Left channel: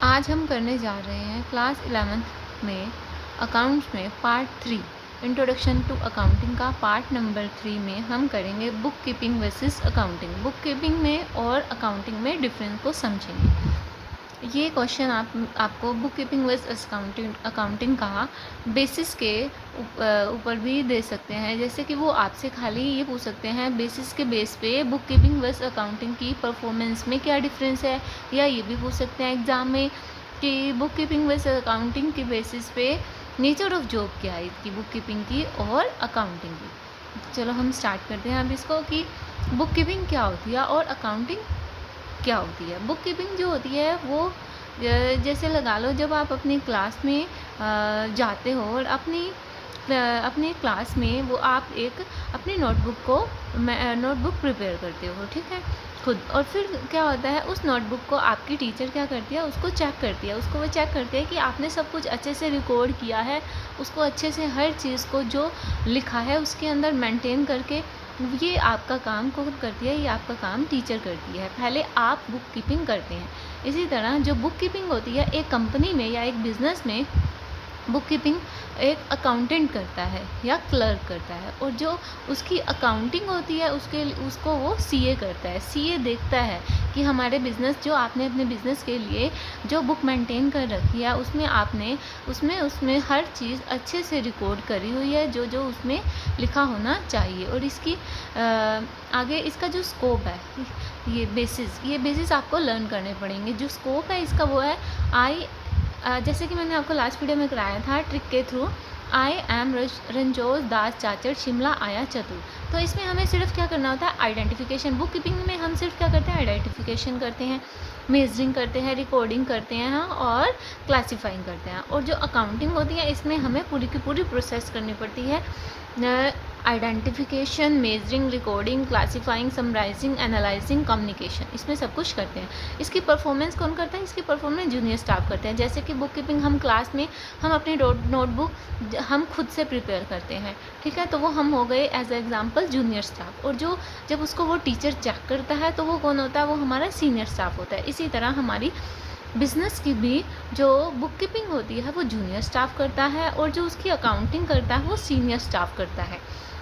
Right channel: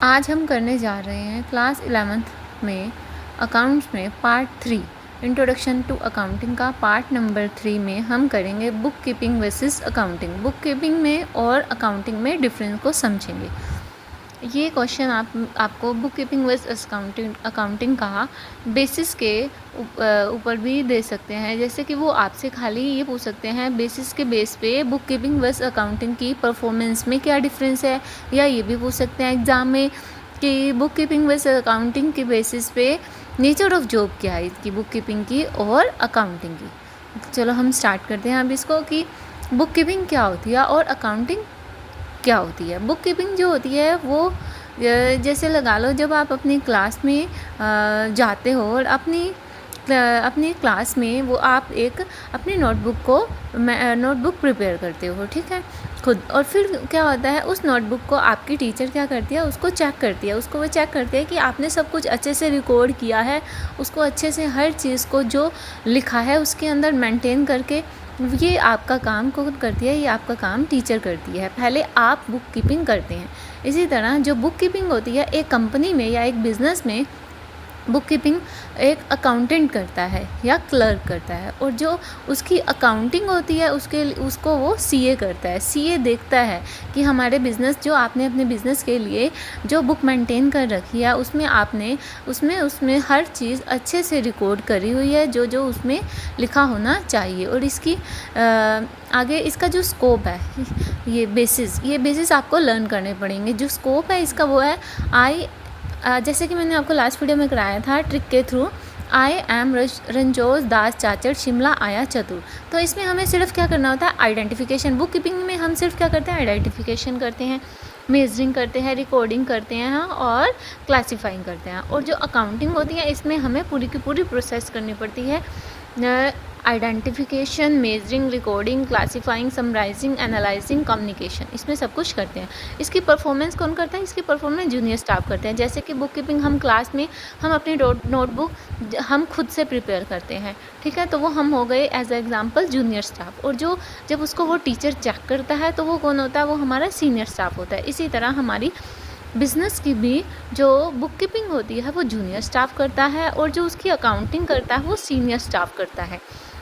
आज हम करने जा रहे हैं क्लास 11th में अकाउंट्स में पार्ट 3 इंट्रोडक्शन टू अकाउंटिंग का पार्ट नंबर 3 में हम करेंगे book keeping versus accounting. Book keeping में और अकाउंटिंग में डिफरेंस को समझेंगे। ये क्वेश्चन आपको बुक कीपिंग वर्सेस अकाउंटिंग का बेसिस के ऊपर भी दे सकते हैं। जैसे कि वो आपसे खाली ये पूछ सकते हैं बेसिस के बेस पे बुक कीपिंग वर्सेस अकाउंटिंग की परफॉर्मेंस में क्या डिफरेंस है, या ये भी पूछ सकते हैं एग्ज़ाम में कि बुक कीपिंग वर्सेस अकाउंटिंग के बेसिस पे नेचर ऑफ जॉब क्या है इसकी, बुक कीपिंग की और अकाउंटिंग की। चलो हम स्टार्ट करते हैं अब इसको कि बुक कीपिंग क्या होती है और अकाउंटिंग क्या होती है। बुक कीपिंग जो होती है वो जैसे लगा लो जब आप अपनी क्लास में जाते हो और अपनी क्लास में वो आप एक अपनी नोटबुक प्रिपेयर करते हो, ठीक है, खुद। और फिर क्या होता है, उस नोटबुक को आपकी टीचर क्या करती है, उसको चेक करती है। उसको वो चेक करते हैं कि आपने सब कुछ अच्छे से रिकॉर्ड किया है, उसको अच्छे से हर चीज़ को जो लिखा है उसके अंदर मेंटेन करके। ये आपका काम कौन करती है, ये आपका काम टीचर करती है। पहले आप बुक कीपिंग करते हैं। इसी तरह जो बुक कीपिंग होती है एक कंपनी में या एक बिज़नेस में, बुक कीपिंग एक अकाउंटेंट करता है या क्लर्क करता है, और जो उसकी अकाउंटिंग होती है उसको वो सीए करता है। सीए देखता है कि हमारे बिज़नेस, जो आपने अपने बिज़नेस के लिए जो बुक मेंटेन कर रखी है उसमें आपने उसमें हर चीज़ अच्छे से रिकॉर्ड करी हुई है, जो जो उसमें लिखा होना चाहिए। और इसकी आगे इसका जो स्कोप है, ये बेसिस आपको लर्न करने पड़ेंगे। जो स्कोप है इसका वो है जैसे कि मैंने आपको लास्ट वीडियो में कराया था ट्रिक के थ्रू, आई एम रंजोज दास चाचर शिमला आया चतुर। तो इसमें हमें सिर्फ क्या करना होता है, आइडेंटिफिकेशन। बुक कीपिंग में हम सिर्फ क्या करते हैं, आइडेंटिफिकेशन करते हैं, मेजरिंग करते हैं, रिकॉर्डिंग करते हैं और क्लासीफाइंग करते हैं। और जो अकाउंटिंग होती है इसमें हमें पूरी की पूरी प्रोसेस करनी पड़ती है। Identification, measuring, recording, classifying, summarising, analysing, communication, इसमें सब कुछ करते हैं। इसकी परफॉर्मेंस कौन करता है, इसकी परफॉर्मेंस जूनियर स्टाफ करते हैं। जैसे कि बुक कीपिंग हम क्लास में हम अपनी नोटबुक हम खुद से प्रिपेयर करते हैं, ठीक है, तो वो हम हो गए as a example junior staff. और जब उसको वो टीचर चेक करता है तो वो कौन होता है, वो हमारा सीनियर स्टाफ होता है। इसी तरह हमारी बिज़नेस की भी जो बुक कीपिंग होती है वो जूनियर स्टाफ करता है, और जो उसकी अकाउंटिंग करता है वो सीनियर स्टाफ करता है।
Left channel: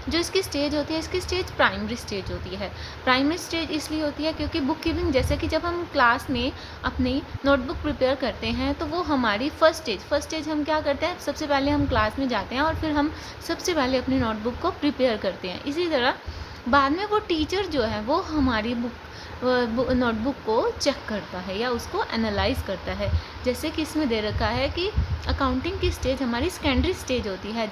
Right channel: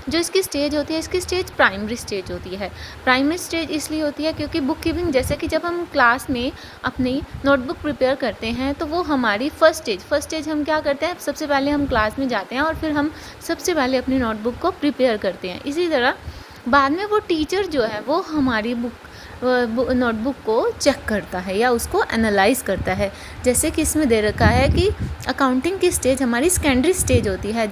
जो इसकी स्टेज होती है, इसकी स्टेज प्राइमरी स्टेज होती है। प्राइमरी स्टेज इसलिए होती है क्योंकि बुक कीपिंग, जैसे कि जब हम क्लास में अपनी नोटबुक प्रिपेयर करते हैं तो वो हमारी फर्स्ट स्टेज हम क्या करते हैं, सबसे पहले हम क्लास में जाते हैं और फिर हम सबसे पहले अपनी नोटबुक को प्रिपेयर करते हैं। इसी तरह बाद में वो टीचर जो है वो हमारी नोटबुक को चेक करता है या उसको एनालाइज करता है। जैसे कि इसमें दे रखा है कि अकाउंटिंग की स्टेज हमारी सेकेंडरी स्टेज होती है।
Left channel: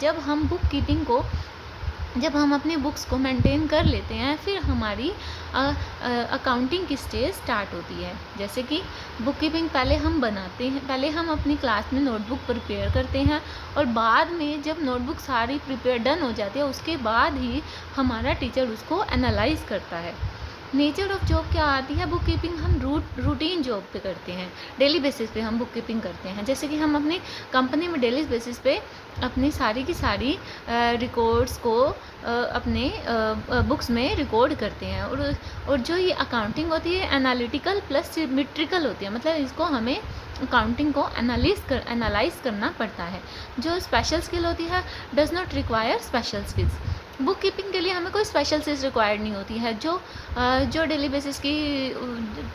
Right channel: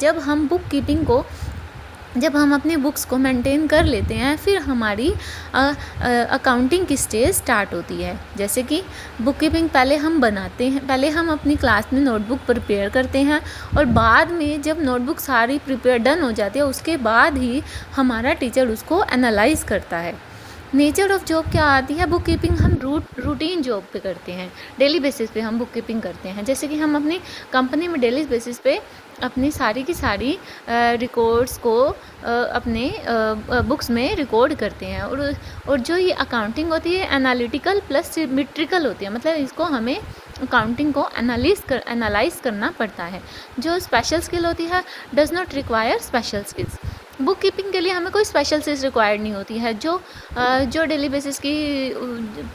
जब हम अपनी बुक्स को मेंटेन कर लेते हैं फिर हमारी अकाउंटिंग की स्टेज स्टार्ट होती है। जैसे कि बुक कीपिंग पहले हम बनाते हैं, पहले हम अपनी क्लास में नोटबुक प्रिपेयर करते हैं, और बाद में जब नोटबुक सारी प्रिपेयर डन हो जाती है उसके बाद ही हमारा टीचर उसको एनालाइज करता है। नेचर ऑफ जॉब क्या आती है, बुक कीपिंग हम रूटीन जॉब पे करते हैं, डेली बेसिस पे हम बुक कीपिंग करते हैं। जैसे कि हम अपनी कंपनी में डेली बेसिस पे अपनी सारी की सारी रिकॉर्ड्स को अपने बुक्स में रिकॉर्ड करते हैं। और जो ये अकाउंटिंग होती है एनालिटिकल प्लस सिमेट्रिकल होती है, मतलब इसको हमें अकाउंटिंग को एनालाइज करना पड़ता है। जो स्पेशल स्किल होती है does not require special skills. Book keeping के लिए हमें कोई स्पेशल स्किल्स रिक्वायर्ड नहीं होती है। जो डेली बेसिस की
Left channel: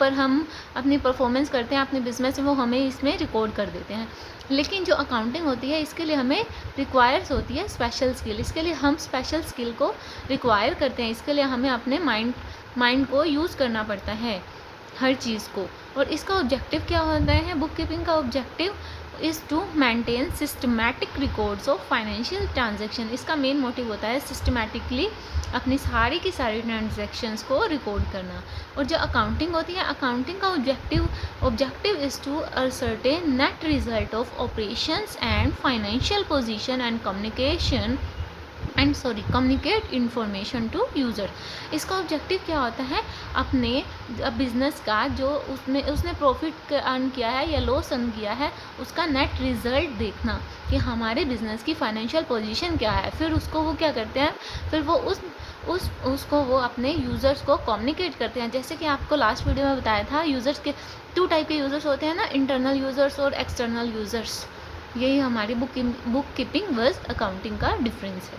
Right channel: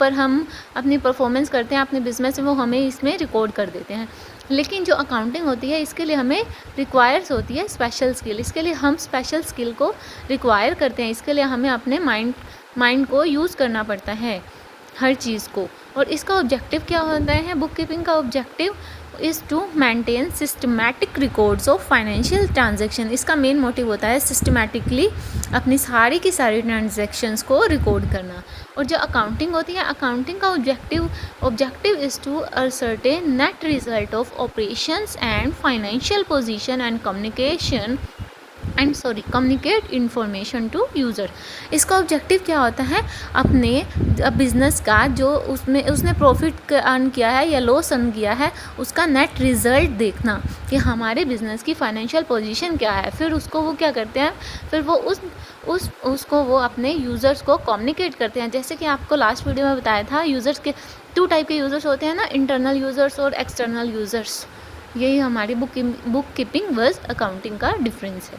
पर हम अपनी परफॉर्मेंस करते हैं अपने बिजनेस में, वो हमें इसमें रिकॉर्ड कर देते हैं। लेकिन जो अकाउंटिंग होती है इसके लिए हमें रिक्वायर्स होती है स्पेशल स्किल। इसके लिए हम स्पेशल स्किल को रिक्वायर करते हैं। इसके लिए हमें अपने माइंड को यूज़ करना पड़ता है हर चीज़ को। और इसका ऑब्जेक्टिव क्या होता है, बुक कीपिंग का objective is to maintain systematic records of financial transaction. इसका मेन मोटिव होता है सिस्टमैटिकली अपनी सारी की सारी ट्रांजैक्शंस को रिकॉर्ड करना। और जो अकाउंटिंग होती है, अकाउंटिंग का objective is to ascertain net result of operations and financial position and communication communicate information to user. इसका ऑब्जेक्टिव क्या होता है, अपने बिजनेस का जो उसने प्रॉफिट अर्न किया है या लॉस अर्न किया है उसका नेट रिजल्ट देखना कि हमारे बिजनेस की फाइनेंशियल पोजीशन क्या है। फिर उसको वो क्या करते हैं, फिर वो उसको वो अपने यूज़र्स को कम्युनिकेट करते हैं। जैसे कि आपको लास्ट वीडियो में बताया था, यूज़र्स के 2 टाइप के यूज़र्स होते हैं ना, इंटरनल यूज़र्स और एक्सटर्नल यूज़र्स। यही हमारी बुक कीपिंग वर्स अकाउंटिंग का डिफरेंस है।